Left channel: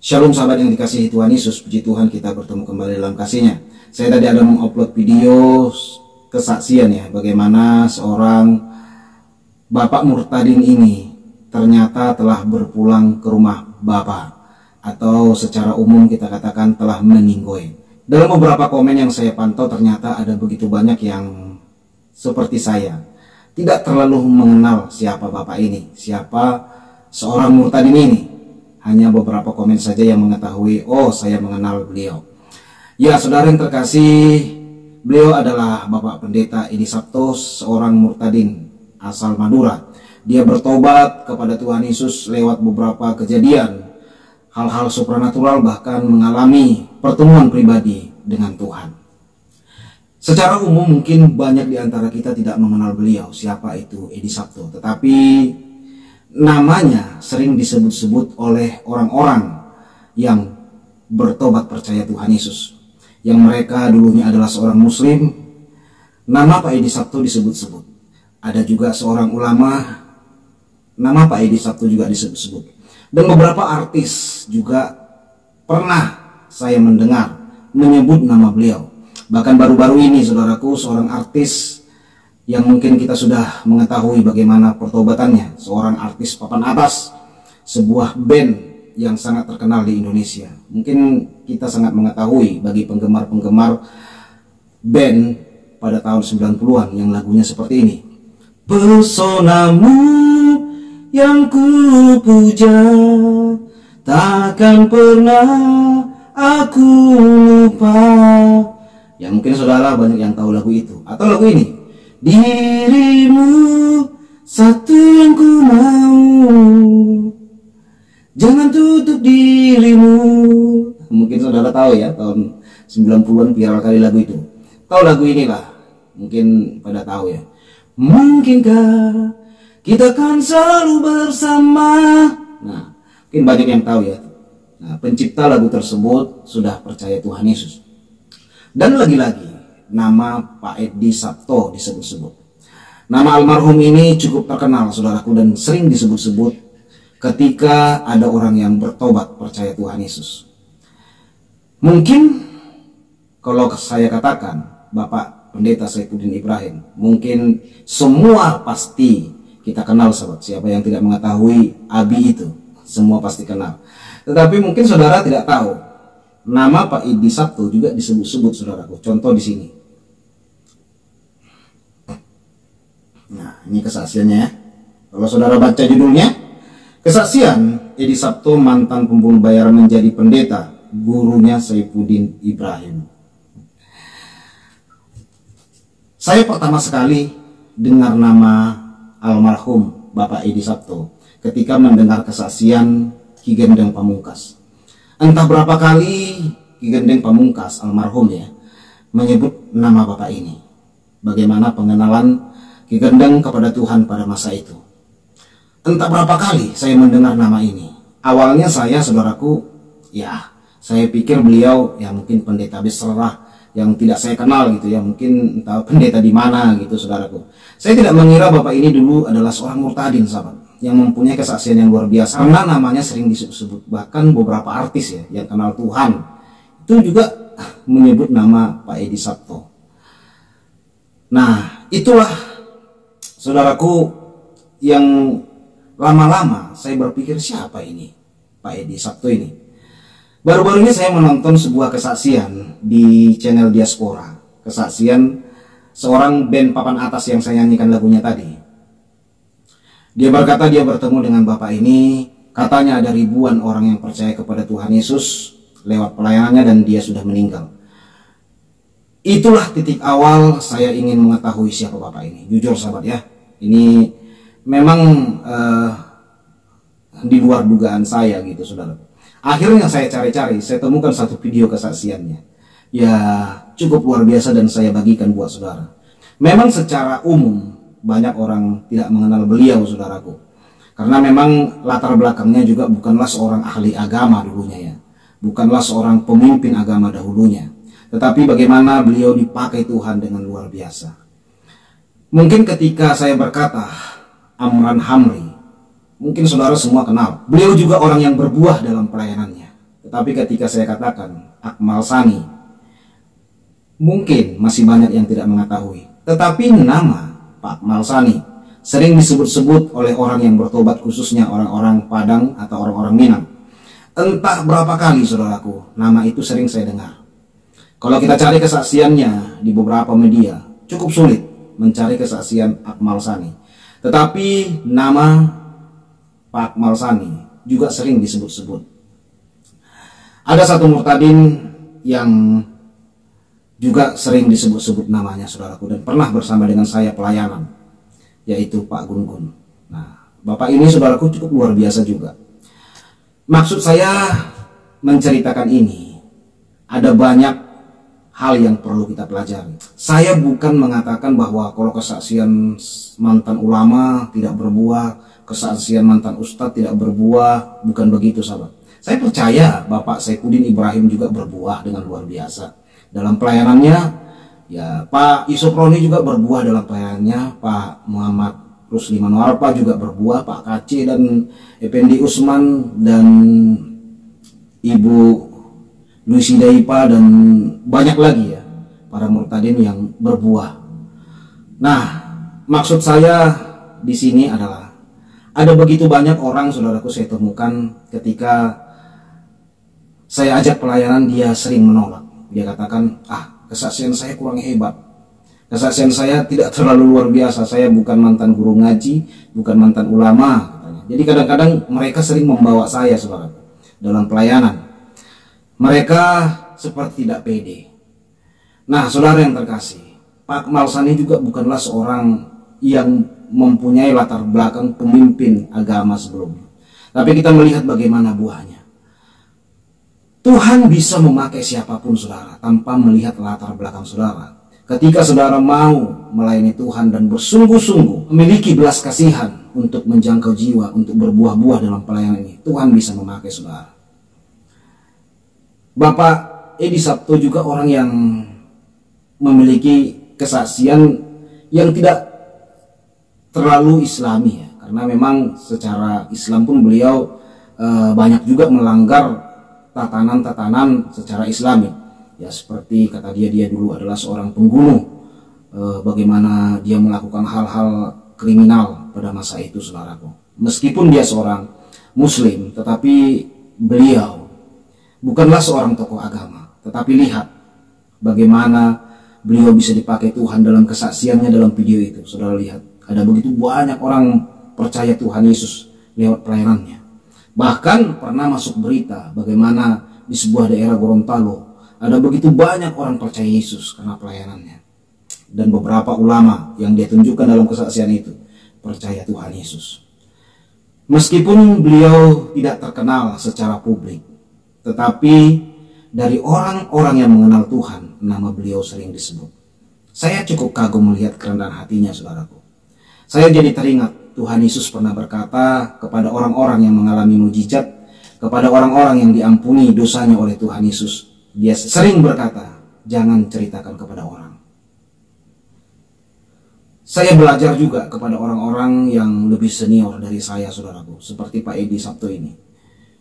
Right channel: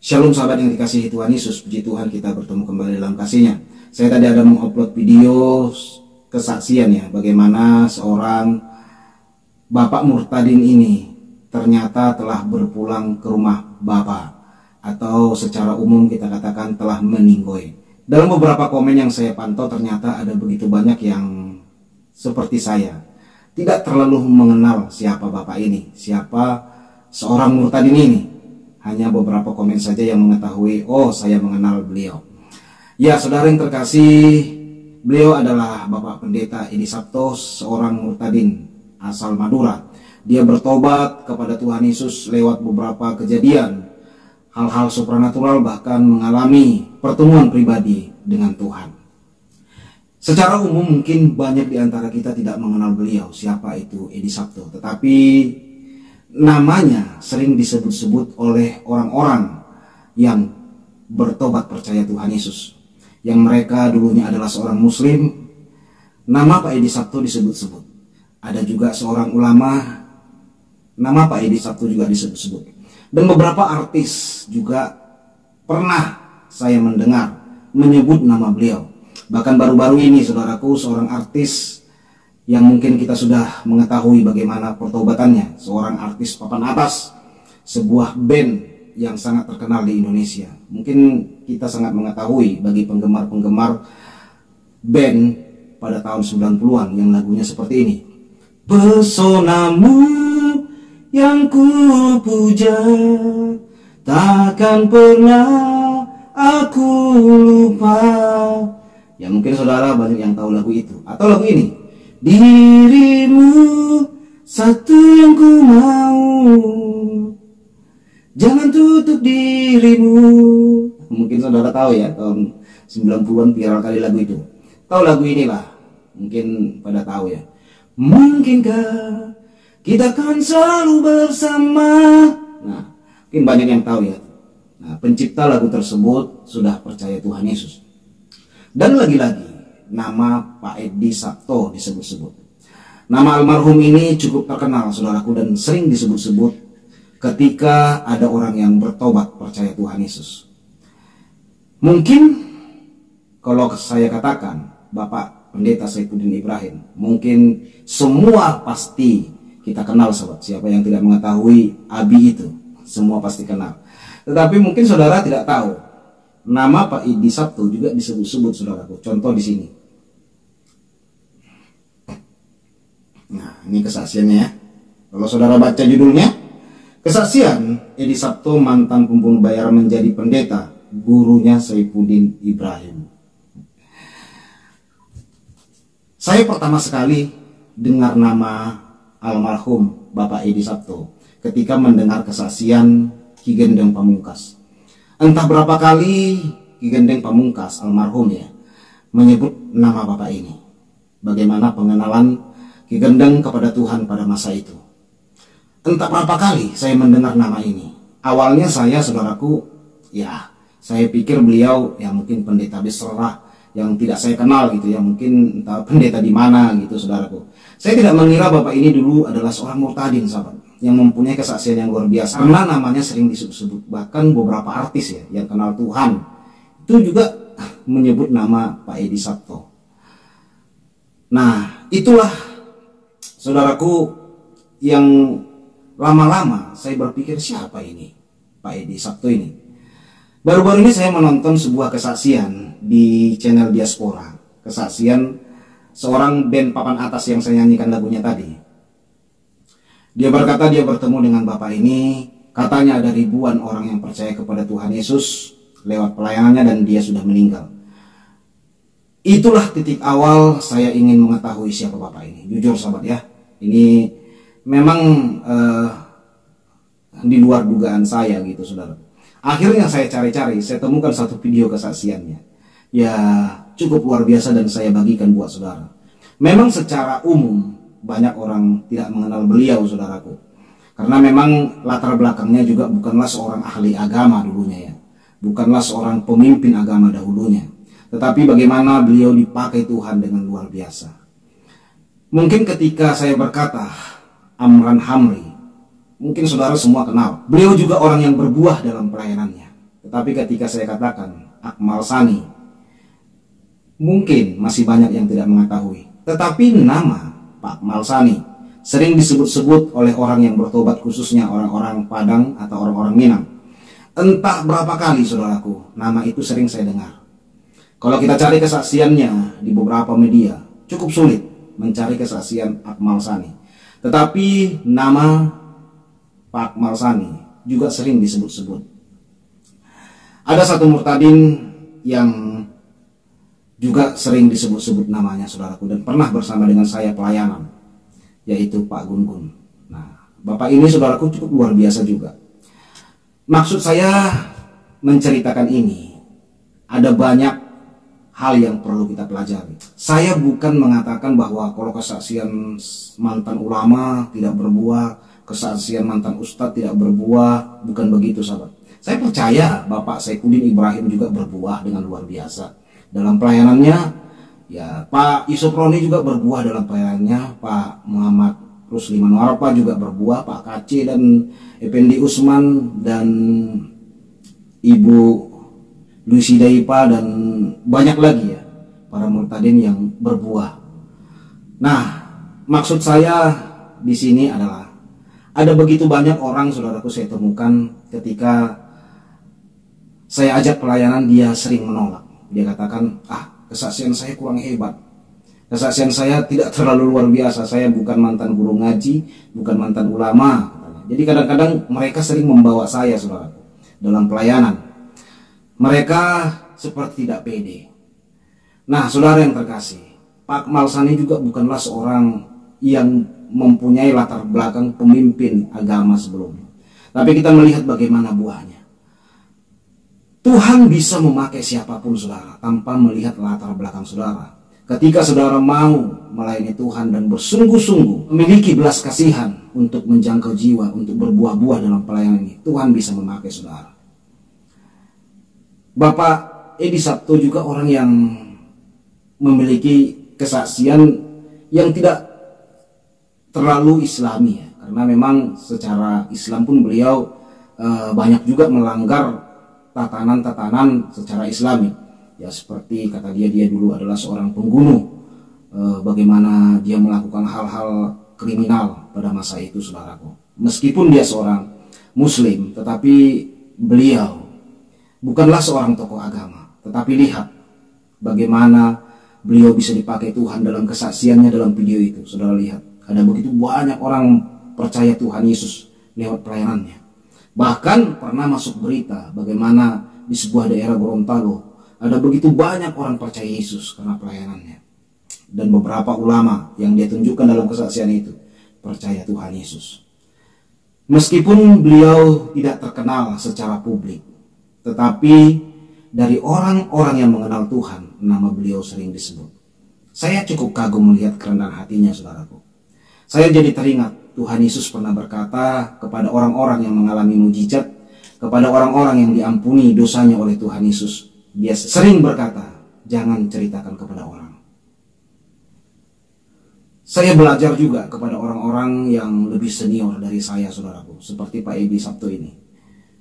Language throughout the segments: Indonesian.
Shalom sahabat yang dikasihi Tuhan Yesus, puji Tuhan kita bertemu kembali dalam kasih-Nya. Saya tadi ada mengupload video kesaksian ya, bagaimana seorang bapak murtadin ini ternyata telah berpulang ke rumah Bapa, atau secara umum kita katakan telah meninggoy. Dalam beberapa komen yang saya pantau ternyata ada begitu banyak yang seperti saya tidak terlalu mengenal siapa bapak ini, siapa seorang murtadin ini. Hanya beberapa komen saja yang mengetahui, oh saya mengenal beliau. Ya saudara yang terkasih, beliau adalah Bapak Pendeta Edi Sabto, seorang murtadin asal Madura. Dia bertobat kepada Tuhan Yesus lewat beberapa kejadian, hal-hal supranatural, bahkan mengalami pertemuan pribadi dengan Tuhan. Secara umum mungkin banyak di antara kita tidak mengenal beliau, siapa itu Edi Sabto. Tetapi namanya sering disebut-sebut oleh orang-orang yang bertobat percaya Tuhan Yesus, yang mereka dulunya adalah seorang muslim. Nama Pak Edi Sabto disebut-sebut. Ada juga seorang ulama, nama Pak Edi Sabto juga disebut-sebut. Dan beberapa artis juga pernah saya mendengar menyebut nama beliau. Bahkan baru-baru ini saudaraku, seorang artis yang mungkin kita sudah mengetahui bagaimana pertobatannya, seorang artis papan atas, sebuah band yang sangat terkenal di Indonesia. Mungkin kita sangat mengetahui bagi penggemar-penggemar band pada tahun 90-an yang lagunya seperti ini. Pesonamu yang ku puja, takkan pernah aku lupa. Ya mungkin saudara banyak yang tahu lagu itu. Atau lagu ini, dirimu satu yang ku mau, jangan tutup dirimu. Mungkin saudara tahu ya, tahun 90-an viral kali lagu itu. Tahu lagu inilah, mungkin pada tahu ya. Mungkinkah kita kan selalu bersama. Nah, mungkin banyak yang tahu ya. Nah, pencipta lagu tersebut sudah percaya Tuhan Yesus. Dan lagi-lagi nama Pak Edi Sabto disebut-sebut. Nama almarhum ini cukup terkenal saudaraku, dan sering disebut-sebut ketika ada orang yang bertobat percaya Tuhan Yesus. Mungkin kalau saya katakan Bapak Pendeta Saifuddin Ibrahim, mungkin semua pasti kita kenal sahabat. Siapa yang tidak mengetahui Abi itu? Semua pasti kenal. Tetapi mungkin saudara tidak tahu, nama Pak Edi Sabto juga disebut-sebut saudaraku. Contoh di sini. Nah, ini kesaksiannya ya. Kalau saudara baca judulnya, kesaksian Edi Sabto mantan pembunuh bayaran menjadi pendeta, gurunya Saifuddin Ibrahim. Saya pertama sekali dengar nama almarhum Bapak Edi Sabto ketika mendengar kesaksian Ki Gendeng Pamungkas. Entah berapa kali Ki Gendeng Pamungkas almarhum ya menyebut nama Bapak ini. Bagaimana pengenalan Ki Gendeng kepada Tuhan pada masa itu. Entah berapa kali saya mendengar nama ini. Awalnya saya saudaraku, ya saya pikir beliau ya mungkin pendeta besar yang tidak saya kenal gitu ya, mungkin entah pendeta di mana gitu saudaraku. Saya tidak mengira Bapak ini dulu adalah seorang murtadin sahabat, yang mempunyai kesaksian yang luar biasa, karena namanya sering disebut-sebut. Bahkan beberapa artis ya yang kenal Tuhan itu juga menyebut nama Pak Edi Sabto. Nah, itulah saudaraku yang lama-lama saya berpikir, siapa ini Pak Edi Sabto ini. Baru-baru ini saya menonton sebuah kesaksian di channel Diaspora. Kesaksian seorang band papan atas yang saya nyanyikan lagunya tadi. Dia berkata dia bertemu dengan Bapak ini. Katanya ada ribuan orang yang percaya kepada Tuhan Yesus lewat pelayanannya, dan dia sudah meninggal. Itulah titik awal saya ingin mengetahui siapa Bapak ini. Jujur sahabat ya, ini memang di luar dugaan saya gitu saudara. Akhirnya saya cari-cari, saya temukan satu video kesaksiannya. Ya cukup luar biasa dan saya bagikan buat saudara. Memang secara umum banyak orang tidak mengenal beliau saudaraku. Karena memang latar belakangnya juga bukanlah seorang ahli agama dulunya ya. Bukanlah seorang pemimpin agama dahulunya. Tetapi bagaimana beliau dipakai Tuhan dengan luar biasa. Mungkin ketika saya berkata Amran Hamri, mungkin saudara semua kenal. Beliau juga orang yang berbuah dalam pelayanannya. Tetapi ketika saya katakan Akmal Sani, mungkin masih banyak yang tidak mengetahui. Tetapi nama Pak Akmal Sani sering disebut-sebut oleh orang yang bertobat, khususnya orang-orang Padang atau orang-orang Minang. Entah berapa kali, saudaraku, nama itu sering saya dengar. Kalau kita cari kesaksiannya di beberapa media, cukup sulit mencari kesaksian Akmal Sani. Tetapi nama Pak Akmal Sani juga sering disebut-sebut. Ada satu murtadin yang juga sering disebut-sebut namanya, saudaraku, dan pernah bersama dengan saya pelayanan, yaitu Pak Gun-Gun. Nah, Bapak ini, saudaraku, cukup luar biasa juga. Maksud saya menceritakan ini, ada banyak hal yang perlu kita pelajari. Saya bukan mengatakan bahwa kalau kesaksian mantan ulama tidak berbuah, kesaksian mantan ustadz tidak berbuah, bukan begitu, sahabat. Saya percaya Bapak Saifuddin Ibrahim juga berbuah dengan luar biasa dalam pelayanannya. Ya, Pak Yusuf Roni juga berbuah dalam pelayanannya. Pak Muhammad Rusliman Warpa juga berbuah. Pak Kaci dan Effendi Usman dan Ibu Lucy Daipa dan banyak lagi ya para murtadin yang berbuah. Nah, maksud saya di sini adalah ada begitu banyak orang, saudaraku, saya temukan ketika saya ajak pelayanan, dia sering menolak. Dia katakan, kesaksian saya kurang hebat. Kesaksian saya tidak terlalu luar biasa. Saya bukan mantan guru ngaji, bukan mantan ulama. Jadi kadang-kadang mereka sering membawa saya, saudara, dalam pelayanan. Mereka seperti tidak pede. Nah, saudara yang terkasih, Pak Akmal Sani juga bukanlah seorang yang mempunyai latar belakang pemimpin agama sebelumnya. Tapi kita melihat bagaimana buahnya. Tuhan bisa memakai siapapun, saudara, tanpa melihat latar belakang saudara. Ketika saudara mau melayani Tuhan dan bersungguh-sungguh memiliki belas kasihan untuk menjangkau jiwa, untuk berbuah-buah dalam pelayanan ini, Tuhan bisa memakai saudara. Bapak Edi Sabto juga orang yang memiliki kesaksian yang tidak terlalu islami ya, karena memang secara Islam pun beliau banyak juga melanggar tatanan-tatanan secara islami. Ya, seperti kata dia dulu adalah seorang pembunuh. Bagaimana dia melakukan hal-hal kriminal pada masa itu, saudaraku. Meskipun dia seorang muslim, tetapi beliau bukanlah seorang tokoh agama. Tetapi lihat bagaimana beliau bisa dipakai Tuhan dalam kesaksiannya dalam video itu. Saudara lihat, ada begitu banyak orang percaya Tuhan Yesus lewat pelayanannya. Bahkan pernah masuk berita bagaimana di sebuah daerah Gorontalo ada begitu banyak orang percaya Yesus karena pelayanannya. Dan beberapa ulama yang dia tunjukkan dalam kesaksian itu percaya Tuhan Yesus. Meskipun beliau tidak terkenal secara publik, tetapi dari orang-orang yang mengenal Tuhan, nama beliau sering disebut. Saya cukup kagum melihat kerendahan hatinya, saudaraku. Saya jadi teringat Tuhan Yesus pernah berkata kepada orang-orang yang mengalami mujizat, kepada orang-orang yang diampuni dosanya oleh Tuhan Yesus. Dia sering berkata, jangan ceritakan kepada orang. Saya belajar juga kepada orang-orang yang lebih senior dari saya, saudaraku, seperti Pak Edi Sabto ini.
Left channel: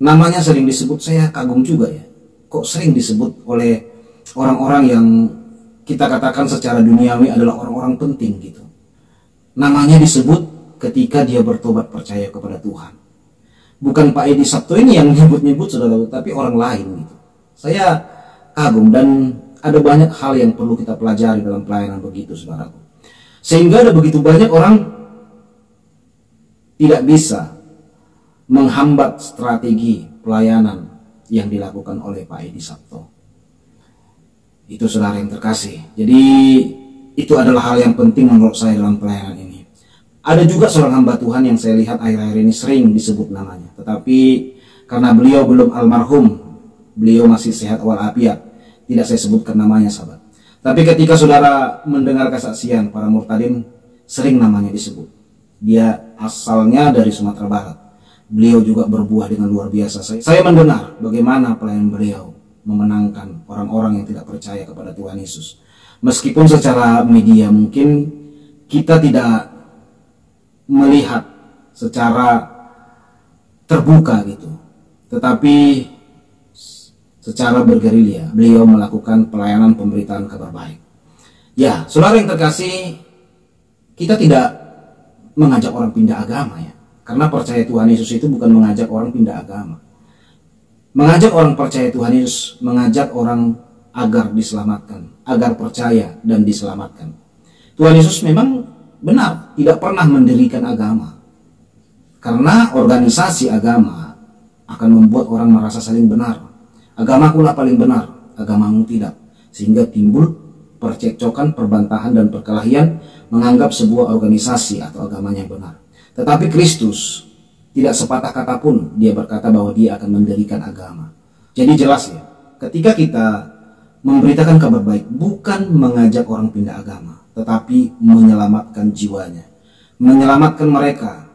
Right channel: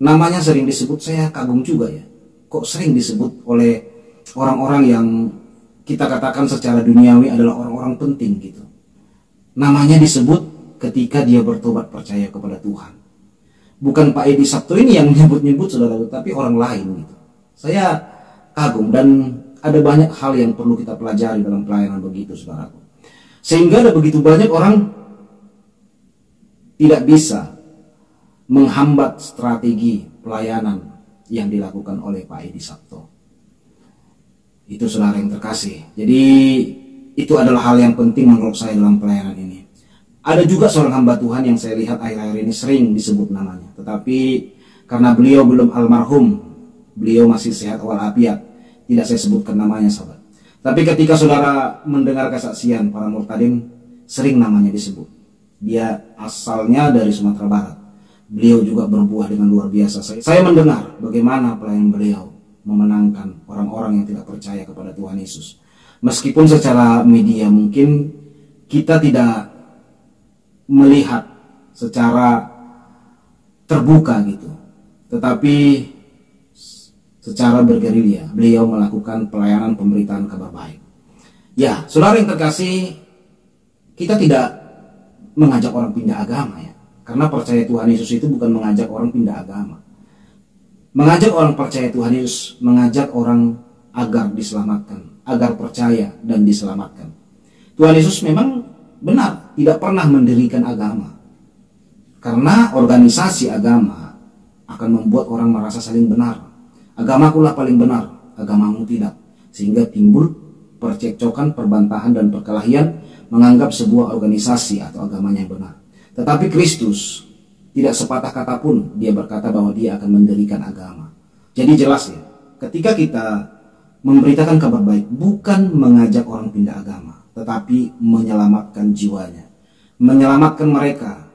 Namanya sering disebut, saya kagum juga ya. Kok sering disebut oleh orang-orang yang kita katakan secara duniawi adalah orang-orang penting gitu. Namanya disebut ketika dia bertobat percaya kepada Tuhan. Bukan Pak Edi Sabto ini yang nyebut-nyebut, saudara, tapi orang lain gitu. Saya kagum dan ada banyak hal yang perlu kita pelajari dalam pelayanan begitu, saudaraku. Sehingga ada begitu banyak orang tidak bisa menghambat strategi pelayanan yang dilakukan oleh Pak Edi Sabto. Itu, saudara yang terkasih. Jadi itu adalah hal yang penting menurut saya dalam pelayanan ini. Ada juga seorang hamba Tuhan yang saya lihat akhir-akhir ini sering disebut namanya. Tetapi karena beliau belum almarhum, beliau masih sehat walafiat, tidak saya sebutkan namanya, sahabat. Tapi ketika saudara mendengar kesaksian para murtadin, sering namanya disebut. Dia asalnya dari Sumatera Barat. Beliau juga berbuah dengan luar biasa. Saya mendengar bagaimana pelayan beliau memenangkan orang-orang yang tidak percaya kepada Tuhan Yesus. Meskipun secara media mungkin kita tidak melihat secara terbuka gitu, tetapi secara bergerilya beliau melakukan pelayanan pemberitaan kabar baik. Ya, saudara yang terkasih, kita tidak mengajak orang pindah agama ya. Karena percaya Tuhan Yesus itu bukan mengajak orang pindah agama. Mengajak orang percaya Tuhan Yesus, mengajak orang agar diselamatkan, agar percaya dan diselamatkan. Tuhan Yesus memang benar tidak pernah mendirikan agama. Karena organisasi agama akan membuat orang merasa saling benar. Agamakulah paling benar, agamamu tidak. Sehingga timbul percekcokan, perbantahan dan perkelahian menganggap sebuah organisasi atau agamanya yang benar. Tetapi Kristus tidak sepatah kata pun dia berkata bahwa dia akan mendirikan agama. Jadi jelas ya, ketika kita memberitakan kabar baik bukan mengajak orang pindah agama, tetapi menyelamatkan jiwanya, menyelamatkan mereka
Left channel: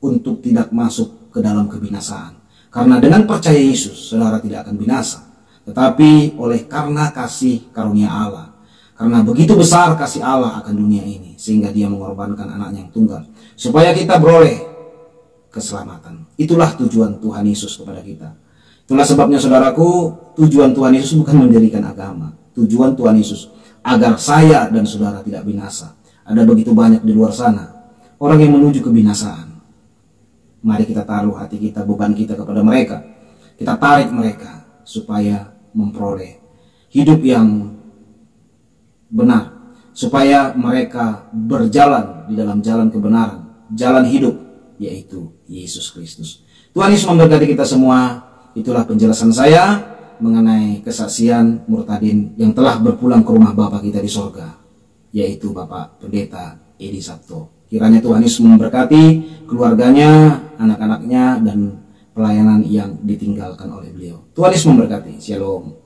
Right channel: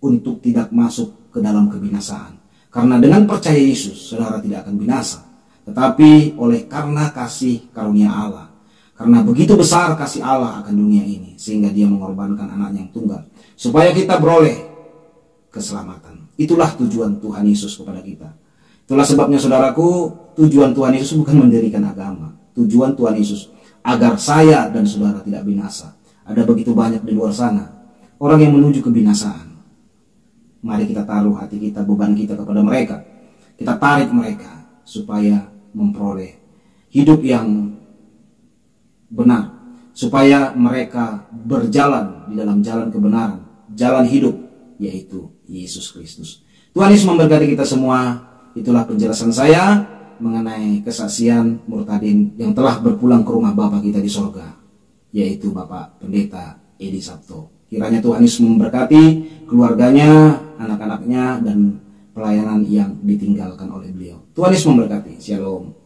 untuk tidak masuk ke dalam kebinasaan. Karena dengan percaya Yesus, saudara tidak akan binasa, tetapi oleh karena kasih karunia Allah. Karena begitu besar kasih Allah akan dunia ini, sehingga dia mengorbankan anaknya yang tunggal, supaya kita beroleh keselamatan. Itulah tujuan Tuhan Yesus kepada kita. Itulah sebabnya saudaraku, tujuan Tuhan Yesus bukan mendirikan agama. Tujuan Tuhan Yesus agar saya dan saudara tidak binasa. Ada begitu banyak di luar sana orang yang menuju kebinasaan. Mari kita taruh hati kita, beban kita kepada mereka. Kita tarik mereka supaya memperoleh hidup yang benar, supaya mereka berjalan di dalam jalan kebenaran, jalan hidup, yaitu Yesus Kristus. Tuhan Yesus memberkati kita semua. Itulah penjelasan saya mengenai kesaksian Murtadin yang telah berpulang ke rumah Bapa kita di sorga, yaitu Bapak Pendeta Edi Sabto. Kiranya Tuhan Yesus memberkati keluarganya, anak-anaknya, dan pelayanan yang ditinggalkan oleh beliau. Tuhan Yesus memberkati. Shalom.